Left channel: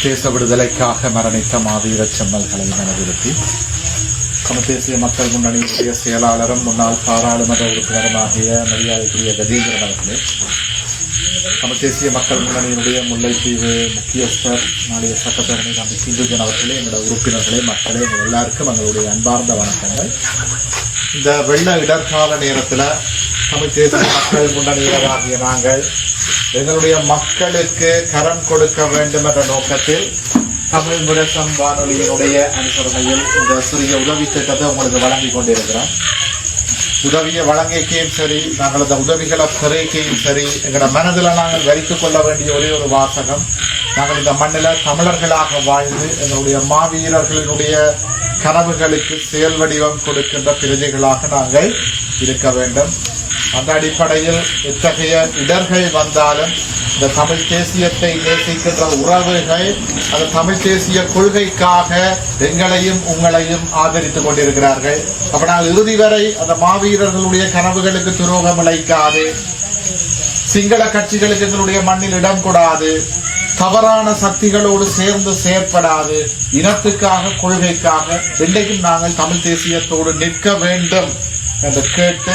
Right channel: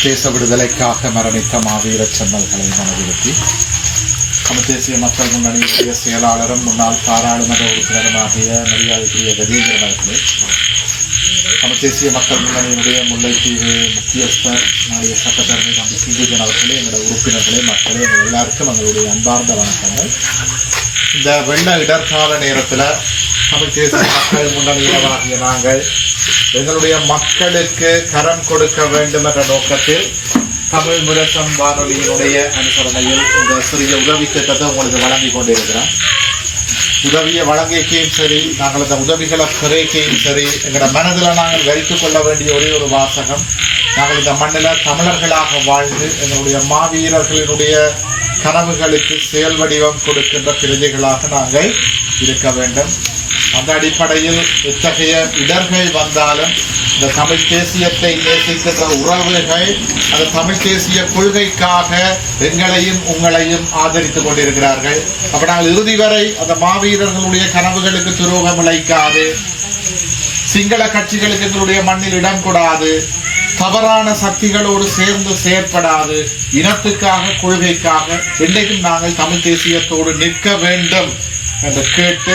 தேச விடுதலைக்காக மரணித்த மாவீர செம்மல்களை மனதிருத்தி. தமிழ் தேசிய மக்கள் முன்னணியுடைய செயலாளரும் முன்னாள் பாராளுமன்ற உறுப்பினருமாகிய மரியாதைக்குரிய கஜேந்திரன் அவர்களே தமிழ் தேசிய மக்கள் முன்னணியினுடைய முல்லைத்தீவு முக்கியஸ்தர் நாளைய சட்டத்தரணி தம்பி சிந்துஜன் அவர்களே எங்களோட உறுப்பினர்களே மக்களே எங்கள் எல்லாருக்கும் எங்களுடைய அன்பார்ந்த வணக்கங்கள். இந்த வெள்ள இடர்கால நேரத்தில் தமிழ் தேசிய மக்கள் முன்னணியினராகிய நாங்கள் எங்களுடைய மக்களுக்கு கரம் கொடுக்க வேண்டும் என்ற நோக்கத்தில் தமிழ் முரசம் வானொலியினுடைய அனுசரணையில் இந்த சிறிய உதவி திட்டத்தை உங்களுக்கு வழங்கி கொண்டிருக்கிறோம். உதவியை வழங்கிக்கையும் சரி நாங்கள் அந்த உதவிகளை பெருக்கையும் சரி எங்களோட மனதில் நாங்கள் வைத்துக் கொள்ள வேண்டிய ஒரே ஒரு வாசகம் நாங்கள் இந்த மண்ணில் தமிழர்களாக வாழ்ந்து எங்களுடைய மாவீரர்களினுடைய கனவுகளுக்கு செயல் வடிவம் கொடுக்கின்ற பிரஜைகளாக நாங்கள் இருக்க வேண்டும். அந்த அடிப்படையில் இத்தகைய இடர்கள் வந்தாலும் இந்த தமிழ் தேசியத்தை நேசிக்கின்ற உறவுகள் அந்த தமிழ் தேசிய கொள்கைக்காக எங்களையும் உங்களையும் ஆதரித்துக் கொண்டிருக்கிறார்கள். அப்ப நாங்கள் இறுதி வரை அந்த மாவீரர்களுடைய கனவுகளுக்கு துரோகம் இழைக்காது. சிங்கள கட்சிகளுக்கு எங்களுடைய மண்ணில் இடம் கூடாது. தவறான சக்திகளோடு சேர்ந்து செயற்படாது. இனத்துக்காக கொள்கைக்காக என்றைக்கும் நாங்கள் தமிழ் தேசியத்தோடு நிற்க வேண்டும் என்று கேட்டு